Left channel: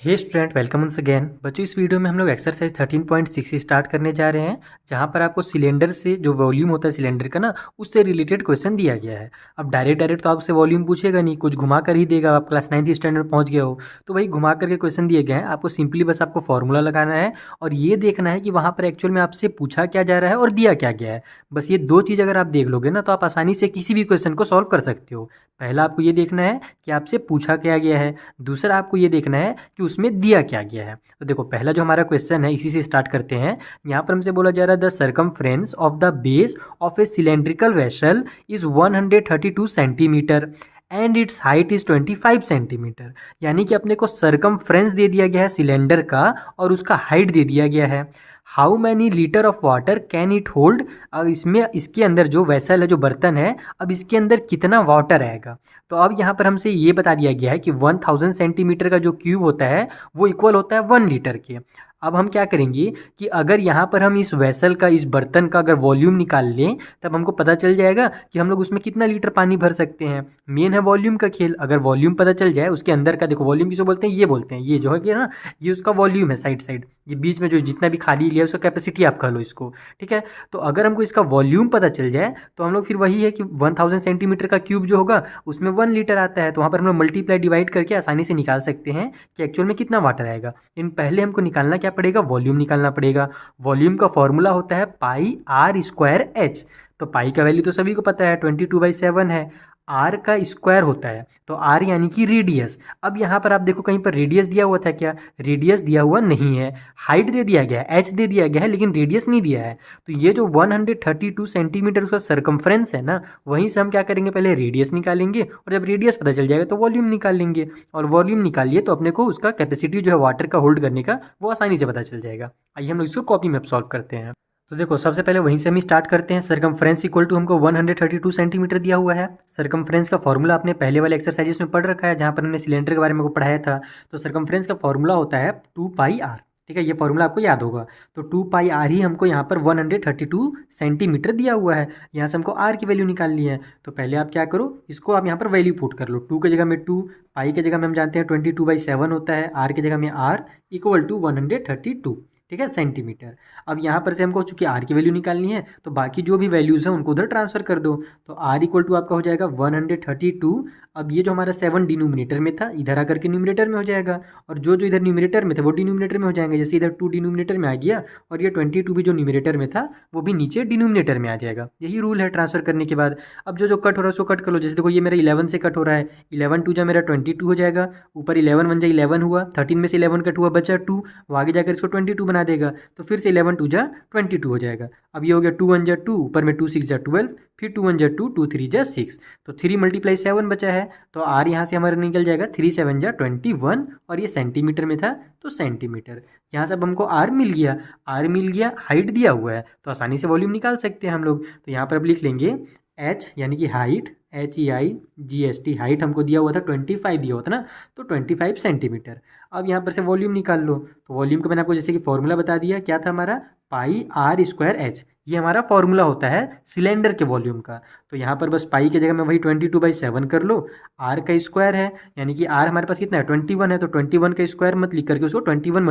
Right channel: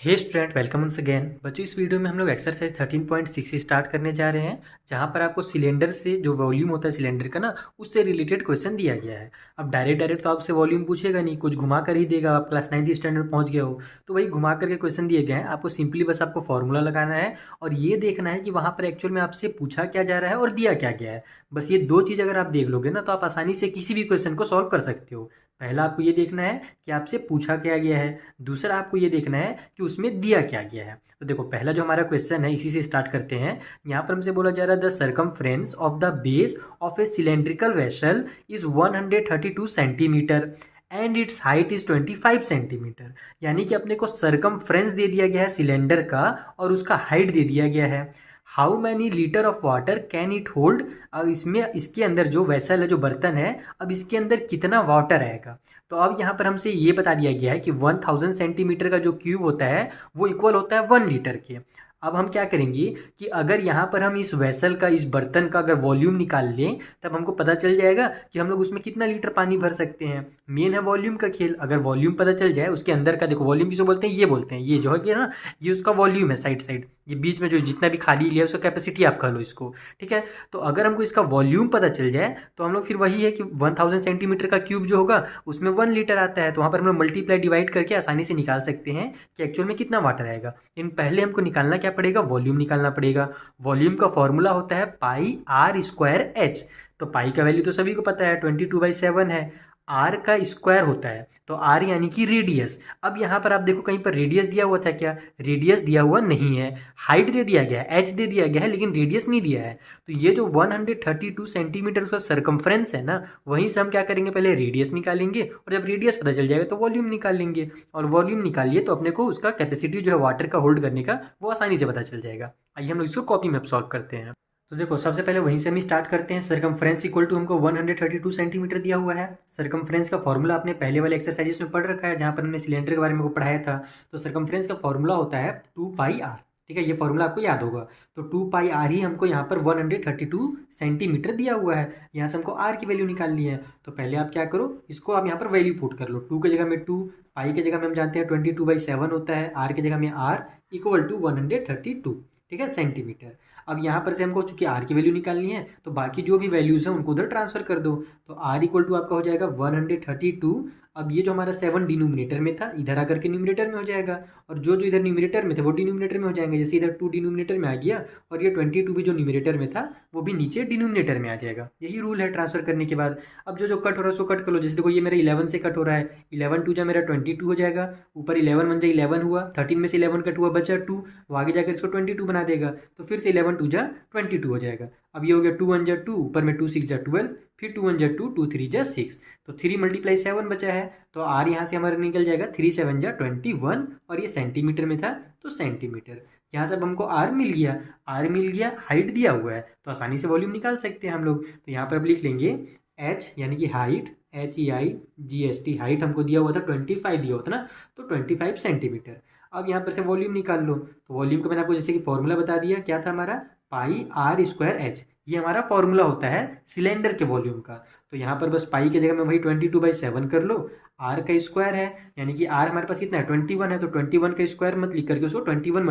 हे student, welcome once again. बच्चों, इस video में हम लोग एक्सरसाइज 13.6 स्टार्ट करने जा रहे हैं, जहां पर आपको सिलेंडर से जो वॉल्यूम होता है सिलेंडर का ना, उससे रिलेटेड क्वेश्चन दिया गया है। अब डायरेक्ट तो आपसे वॉल्यूम पूछेगा नहीं, कुछ घुमा कर ही देगा। आप क्लास 9th स्टैंडर्ड में पहुंच गए हो तो वही घुमा करके क्वेश्चन दिए गए हैं। आपको सिंपली बस आपको फॉर्मूला लगाना है और ये देखना है कि वहाँ पर एक्चुअल में आपसे पूछा क्या जा रहा है और दिया क्या गया है। बस ये दो चीज़ अगर आप देख लोगे ना, तो आप आसानी से किसी भी क्वेश्चन को सॉल्व कर सकते हो। पहला आपको ये देखना है कि आपसे पूछा क्या गया है, दूसरा आपको ये देखना है कि उसमें दिया क्या गया है। तो देखो, पहला जो हमारा क्वेश्चन है इसी से स्टार्ट करते हैं। यहाँ पर हमसे बोला जा रहा है the circumference of the base of A cylindrical vessel is 132 centimetre and it's height is 25 centimetre. यानी कि अपने को सरकमफ्रेंस दे दिया गया है सिलेंडर का और उसका हाइट दे दिया गया है। How many litre of water can it hold. अब इसमें इसके अंदर जो वेसल है, जो बर्तन है, अब इसके अंदर कितना वाटर आएगा। तो अब यहाँ पर हमसे ये बता दिया गया है कि 1000 सेंटीमीटर का जो क्यूब होता है वो इक्वल होता है 1 लीटर के। अब हम क्या करेंगे कि अगर यहाँ पर हम इस वेसल का, इस बर्तन का अगर वॉल्यूम निकाल लें, तब हमको पता चल जाएगा कि हम लोग उसमें कितना लीटर पानी भर सकते हैं। मेन है वॉल्यूम का खेल। अगर वॉल्यूम पता चल जाए उसके अंदर का, देखो वॉल्यूम किसको बोलते हैं, ये बोलते हैं, ये जो है कि ना, ये उसका वॉल्यूम है, साइड साइड, ये बीच में जो जितना भी खाली लिया है उसका कैपेसिटी आप कह लो इसको। ठीक है, तो अगर हमको इसका वॉल्यूम पता चल जाए तो हम लोग फिर वही है कि 1000 सेंटीमीटर का क्यूब जो होगा उसमें 1 लीटर आता है, तो वहाँ पर हम लोग मल्टीप्लाई डिवाइड करके आसानी से निकाल सकते हैं कि एक्चुअल में कितना वाटर आएगा। इन पहले हमको निकालना क्या पड़ेगा, वॉल्यूम निकालना पड़ेगा। वॉल्यूम का फॉर्मूला होता है पाई आर स्क्वायर एच। तो पाई का वैल्यू तो सभी को पता है, 22/7 है। आर का स्क्वायर होता है तो आर यानी कि रेडियस। अब यहाँ पर आप देखो, कहीं पर रेडियस दिया हुआ था क्या? रेडियस दिया हुआ नहीं है। हाइट दे दिया गया है, एच दे दिया गया है, लेकिन रेडियस नहीं दिया है। तो ये जो 132 सेंटीमीटर उसका सरकमफ्रेंस है ना, वहीं से हम क्या करेंगे, पहले रेडियस निकालेंगे और जब रेडियस पता चल जाएगा तो वॉल्यूम निकाल लेंगे। और वॉल्यूम निकालिए तो अपने को उसका कैपेसिटी जो है वाटर का होल्ड करने का, वो आसानी से पता चल जाएगा। आइए हम लोग इसको कॉपी में अब सॉल्व करते हैं। तो देखो, सबसे पहले वहीं से हम स्टार्ट करते हैं। सरकमफ्रेंस इक्वल टू हमको 132 सेंटीमीटर दिया हुआ है। सरकमफ्रेंस का फॉर्मूला आपने पहले वाले एक्सरसाइजेस में पढ़ रखा है, जहाँ पर हमने सिलेंडर के बारे में को पढ़ाया था। तो सरकमफ्रेंस का फॉर्मूला होता है 2πr। ठीक है, ये फॉर्मूला आपको याद होगा। तो 2πr ही हमको यहाँ पर 132 सेंटीमीटर दिया हुआ है। यहाँ से हमको आर की वैल्यू निकालनी है। तो पहले आप क्या करो, इसको आप यहाँ पर वैल्यू पुट कर लो। 2 की जगह में 2, पाई की जगह में हम जानते हैं 22/7 होता है, आर की जगह में आर इक्वल टू 132। ठीक है, सेंटीमीटर। अब यहाँ पर से हमको चूंकि आर की वैल्यू निकालनी है, तो बाकी जो भी वैल्यूज़ हैं उनको उधर ट्रांसफर कर दो। तो आर इक्वल टू आपका हो जाएगा 132। अब ये जो हमारा 7 डिनोमिनेटर में था, इधर आकर के न्यूमिनेटर में हो जाएगा, और जो जो इधर न्यूमिनेटर में थे वो डिनोमिनेटर में हो जाएंगे। जैसे इधर 2 डिनोमिनेटर में आ गया और ये 22 भी जो न्यूमिनेटर में था वो भी नीचे डिनोमिनेटर में आ जाएगा। यही रूल है ट्रांसफर करने के बाद। अब जो जो कट हो रहा है उसको कट कर लो। जैसे देखो, ये मेरा 11 से कट हो रहा है, 11 टू जा मेरा 22 हो जाएगा, ऊपर 11 1 जा 11 हुआ, 13 में से 11 कट हुआ, बचा 2, वो आगे जाकर इसको 22 बना देगा। तो फिर से 11 2 जा 22 हो जाएगा। अब ये हो गया 2 1 जा 2, ऊपर में 2 6 जा 12, फिर 2 1 जा 2, 2 3 जा 6, तो 3 × 7 बचा है। तो आर यहाँ से हमारा निकल जाएगा 3 7 जा 21, और ये सेंटीमीटर में था तो सेंटीमीटर। यहाँ से अब हमको आर मिल गया। आर मिल गया, हाइट दिया हुआ है तो आसानी से वॉल्यूम निकाल सकते हैं हम लोग। तो यहाँ पर अब लिख लेंगे एच यानी कि हाइट, HEIGHT, हाइट हमको दिया हुआ था 25 दिया हुआ था ना, तो 25 सेंटीमीटर। अब यहाँ पर से वॉल्यूम निकाल लो। तो वॉल्यूम का मैंने आपको जैसे कि फॉर्मूला बता दिया, क्या था हमारा, पाई आर स्क्वायर एच। ये हमारा फॉर्मूला होता है सिलेंडर के वॉल्यूम का। तो यहाँ पर बस पाई की जगह में वही 22/7 कर लो। आर का स्क्वायर है, यानी कि आर हमारे पास कितना है, 21 है, तो 21 का स्क्वायर मत लिख करके उसको 21 ×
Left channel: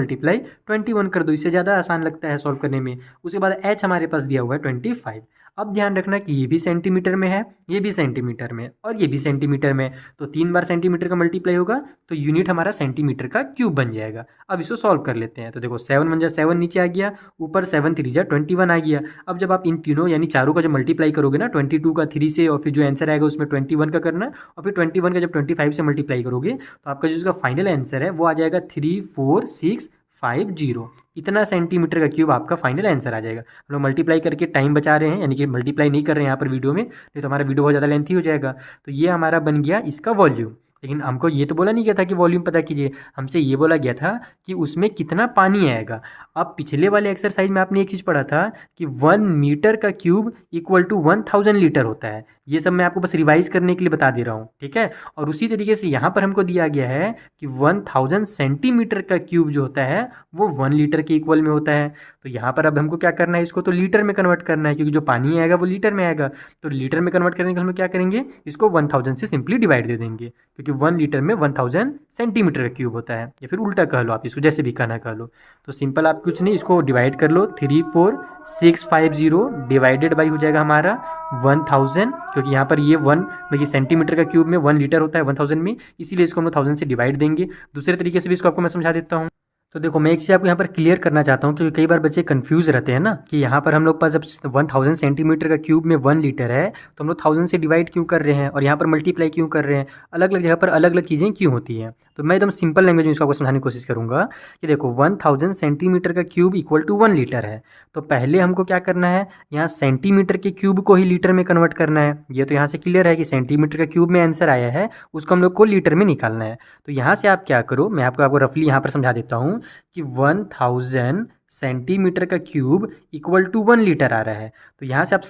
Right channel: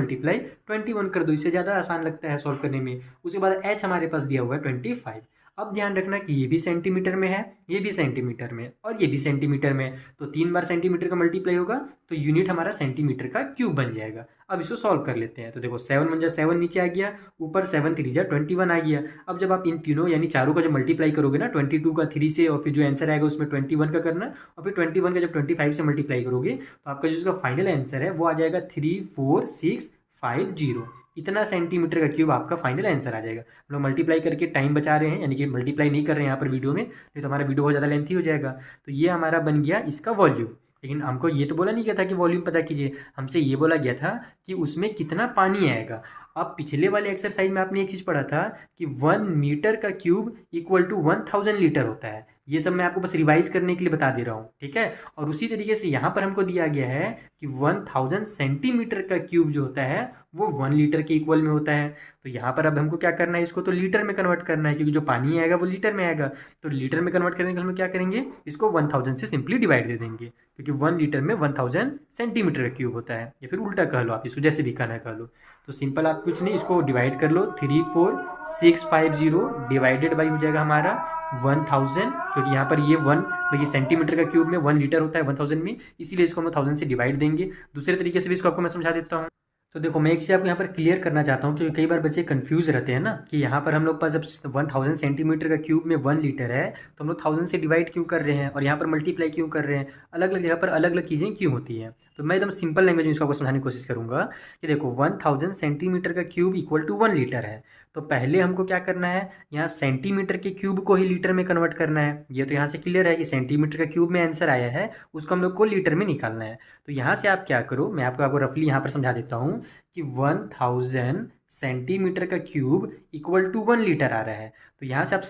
21 कर दो। इससे ज़्यादा आसान लगता है सॉल्व करने में। उसके बाद एच हमारे पास दिया हुआ है 25। अब ध्यान रखना कि ये भी सेंटीमीटर में है, ये भी सेंटीमीटर में, और ये भी सेंटीमीटर में। तो 3 बार सेंटीमीटर का मल्टीप्लाई होगा तो यूनिट हमारा सेंटीमीटर का क्यूब बन जाएगा। अब इसको सॉल्व कर लेते हैं। तो देखो, 7 1 जा 7 नीचे आ गया, ऊपर 7 3 जा 21 आ गया। अब जब आप इन तीनों यानी चारों का जब मल्टीप्लाई करोगे ना, 22 का 3 से, और फिर जो आंसर आएगा उसमें 21 का करना, और फिर 21 का जब 25 से मल्टीप्लाई करोगे तो आपका जो इसका फाइनल आंसर है वो आ जाएगा 34650। इतना सेंटीमीटर का क्यूब आपका फाइनल आंसर आ जाएगा। हम लोग मल्टीप्लाई करके टाइम बचा रहे हैं, यानी कि मल्टीप्लाई नहीं कर रहे हैं यहाँ पर वीडियो में, नहीं तो हमारा वीडियो बहुत ज़्यादा लेंथी हो जाएगा। तो ये हमारा बन गया इसका वॉल्यूम। लेकिन हमको ये तो बोला नहीं गया था कि वॉल्यूम पता कीजिए, हमसे ये बोला गया था कि उसमें कितना पानी आएगा। अब पिछले वाले एक्सरसाइज में आपने एक चीज़ पढ़ा था कि 1 मीटर का क्यूब इक्वल टू 1000 लीटर होता है। ये सब मैं आपको बस रिवाइज करने के लिए बता दे रहा हूँ, ठीक है। और उसी तरीके से यहाँ पर हमको दिया गया है कि 1000 सेंटीमीटर का क्यूब जो होता है वो 1 लीटर के इक्वल में होता है। तो यहाँ पर अब हमको क्या करना है, इसको तो लीटर में कन्वर्ट करना है, क्योंकि जो पानी आएगा वो लीटर में आएगा। तो लीटर में कन्वर्ट करने के लिए हम क्या करेंगे, इसको 1000 से सिंपली डिवाइड दे देंगे, क्योंकि 1 लीटर में 1000 सेंटीमीटर का क्यूब होता है, या फिर उल्टा कह लो आप इसको, जैसे भी कहना कह लो। तो सिंपल आप कुछ नहीं, इसको डिवाइड कर लो, 34650 डिवाइडेड बाई हो जाएगा हमारा 1000, क्योंकि यहाँ पर ये 1 देखिए सेंटीमीटर का क्यूब में 1 लीटर होता है 1000 में, इसीलिए इसको हम लोग 1000 से डिवाइड देंगे। दूसरे तरीके से भी इसको आपको मैं समझा देता हूँ। तो देखो मैं एक चीज़ आपको यहाँ पर क्लियर करना चाहता हूँ, क्योंकि कई बार बच्चे कंफ्यूज रहते हैं ना कि यहाँ पर हम लोग पास जब 1000 सेंटीमीटर का क्यूब में 1 लीटर है तो हम लोग 1000 से डिवाइड क्यों कर रहे हैं और यहाँ पर मल्टीप्लाई क्यों कर रहे हैं, अलग अलग जगह पर अलग अलग चीज़ें क्यों होती हैं। तो मैं एकदम सिंपल लैंग्वेज में इसको आपको समझाने की कोशिश करूँगा कि देखो 1000 सेंटीमीटर का क्यूब इक्वल टू 1 लीटर है। तो पहले हमको क्या करना है, यहाँ सेंटीमीटर के क्यूब को ही लीटर में कन्वर्ट करना है। ये तो यहाँ से क्लियर है कि सेंटीमीटर का क्यूब में आंसर आया है, उसको हम लोग को लीटर में निकालना है। तो यहाँ से आप क्या करो, मैं आपको रफली यहाँ पर समझा देता हूँ कि 1000 सेंटीमीटर का क्यूब इक्वल टू 1 लीटर आ रहा है। तो यहाँ से आप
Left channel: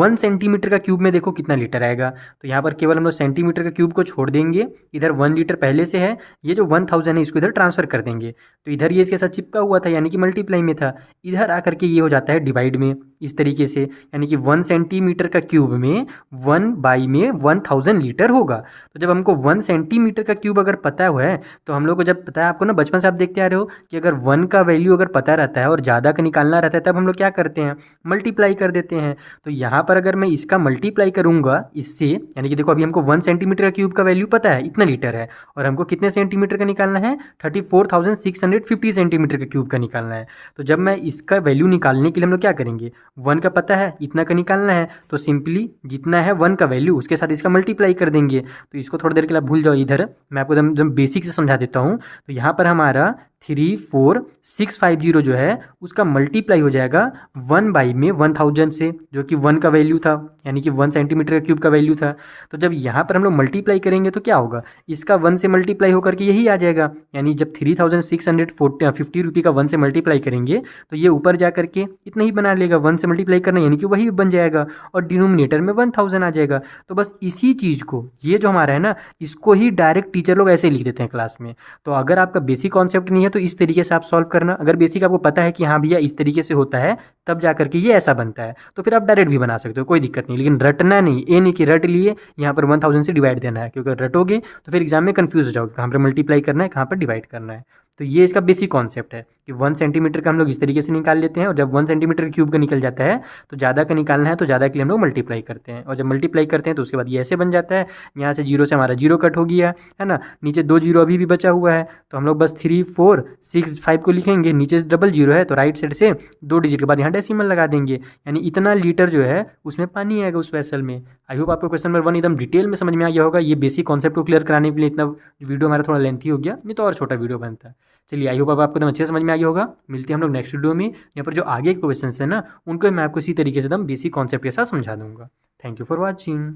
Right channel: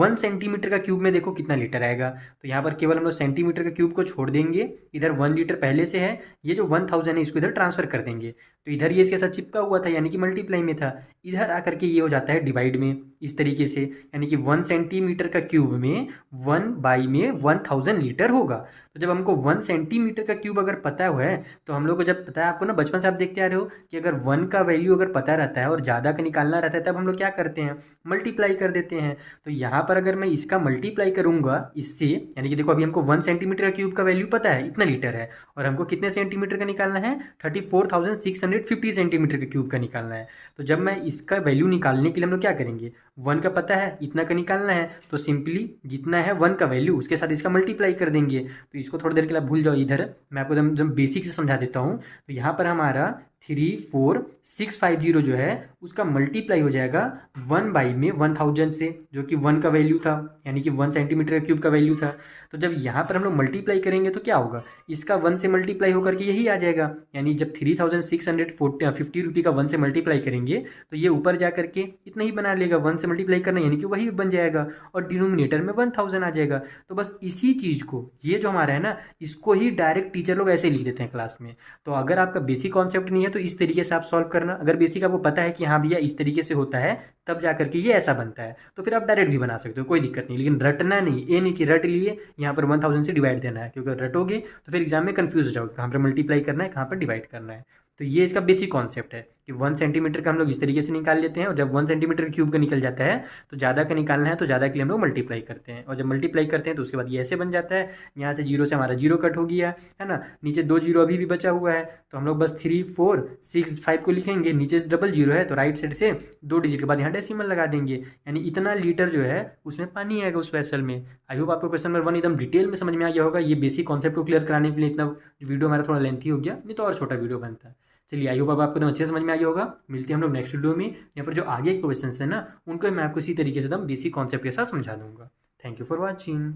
1 सेंटीमीटर का क्यूब में देखो कितना लीटर आएगा। तो यहाँ पर केवल हम लोग सेंटीमीटर का क्यूब को छोड़ देंगे, इधर 1 लीटर पहले से है, ये जो 1000 है इसको इधर ट्रांसफर कर देंगे। तो इधर ये इसके साथ चिपका हुआ था, यानी कि मल्टीप्लाई में था, इधर आकर के ये हो जाता है डिवाइड में, इस तरीके से, यानी कि 1 सेंटीमीटर का क्यूब में 1 बाई में 1000 लीटर होगा। तो जब हमको 1 सेंटीमीटर का क्यूब अगर पता हुआ है, तो हम लोग को जब पता है, आपको ना बचपन से आप देखते आ रहे हो कि अगर 1 का वैल्यू अगर पता रहता है और ज़्यादा का निकालना रहता है, तब हम लोग क्या करते हैं, मल्टीप्लाई कर देते हैं। तो यहाँ पर अगर मैं इसका मल्टीप्लाई करूँगा इससे, यानी कि देखो अभी हमको 1 सेंटीमीटर का क्यूब का वैल्यू पता है इतना लीटर है, और हमको कितने सेंटीमीटर का निकालना है, 34,650 सेंटीमीटर का क्यूब का निकालना है। तो जब मैं इसका वैल्यू निकालने के लिए हम लोग क्या करेंगे, 1 का पता है इतना का निकालना है, तो सिंपली जितना है 1 का वैल्यू उसके साथ इसका मल्टीप्लाई कर देंगे। तो इसको थोड़ी देर के लिए आप भूल जाओ, इधर मैं आपको एकदम बेसिक से समझा देता हूँ। तो यहाँ पर हमारा 34650 जो है उसका मल्टीप्लाई हो जाएगा 1 बाई में 1000 से, जो कि 1 का वैल्यू था, यानी कि 1 सेंटीमीटर का क्यूब का वैल्यू था। तो जब यहाँ पर हम लोग मल्टीप्लाई करेंगे तो क्या होगा, इसका 1 से मल्टीप्लाई होकर के यही आ जाएगा, यानी जब 3650 रुपये का 1 से मल्टीप्लाई करेंगे तो ये ऊपर जा करके इतना ही बना लेगा, 1 से मल्टीप्लाई करना यानी कि वही बन जाएगा, और डिनोमिनेटर में 1000 आ जाएगा। तो बस इसी चीज़ को, ये जो हमारा है ना, इसको ही डायरेक्ट टीचर लोग ऐसे लिख देते हैं क्लास में। तो अगर आपका बेसिक कॉन्सेप्ट नहीं है तो इस तरीके से आप सॉल्व करना, अगर बेसिक आपको पता है कि हाँ भैया इस तरीके से होता है, तब जा करके ये ऐसा बनता है, तो फिर आप डायरेक्ट भी बना सकते हो, कोई दिक्कत नहीं। लेकिन रटना नहीं, ये नहीं कि रट लिए यहाँ पर 1000 से डिवाइड देना है, क्योंकि रटोगे तो फिर एग्जाम में कन्फ्यूज हो जाओगे, कहाँ पर मल्टीप्लाई करना है कहाँ पर डिवाइड करना है। तो ये इसका बेसिक कॉन्सेप्ट है कि 1 सेंटीमीटर का हम लोग इस तरीके से निकाल लेते हैं, और जब 1 सेंटीमीटर क्यूब का निकल जाता है तो ज़्यादा का निकालना है, तो ज़्यादा के लिए हम लोग मल्टीप्लाई करते हैं, और जब मल्टीप्लाई करते हैं तो उसके बाद ये ऐसे बन जाता है। यहाँ से जीरो से हमारा जीरो कट हो गया है ना, नीचे 2 जीरो अभी भी बचा हुआ है, तो हम लोग बस 3465 को लिखेंगे, नीचे डबल जीरो है तो राइट साइड से 2 डिजिट के बाद यहाँ डेसिमल लगा देंगे, यानी इतना लीटर जो है उसमें पानी आएगा उस वेसल में। आई होप आपको क्वेश्चन नंबर 1 एकदम डिटेल में समझ में आ गया होगा। ये बेसिक कॉन्सेप्ट को क्लियर कराने के लिए इतना वीडियो हमारा थोड़ा लेंथी हो गया, नहीं तो और छोटा वीडियो बनता है। चलिए आई होप अब आपको एकदम अच्छे से समझ में आ गया होगा। मिलते हैं हम लोग नेक्स्ट वीडियो में, यहाँ पर जो आगे के क्वेश्चन है ना उनको मैं आपको इसी तरीके से एकदम बेसिक कॉन्सेप्ट के साथ समझा दूंगा। Thank you for watching.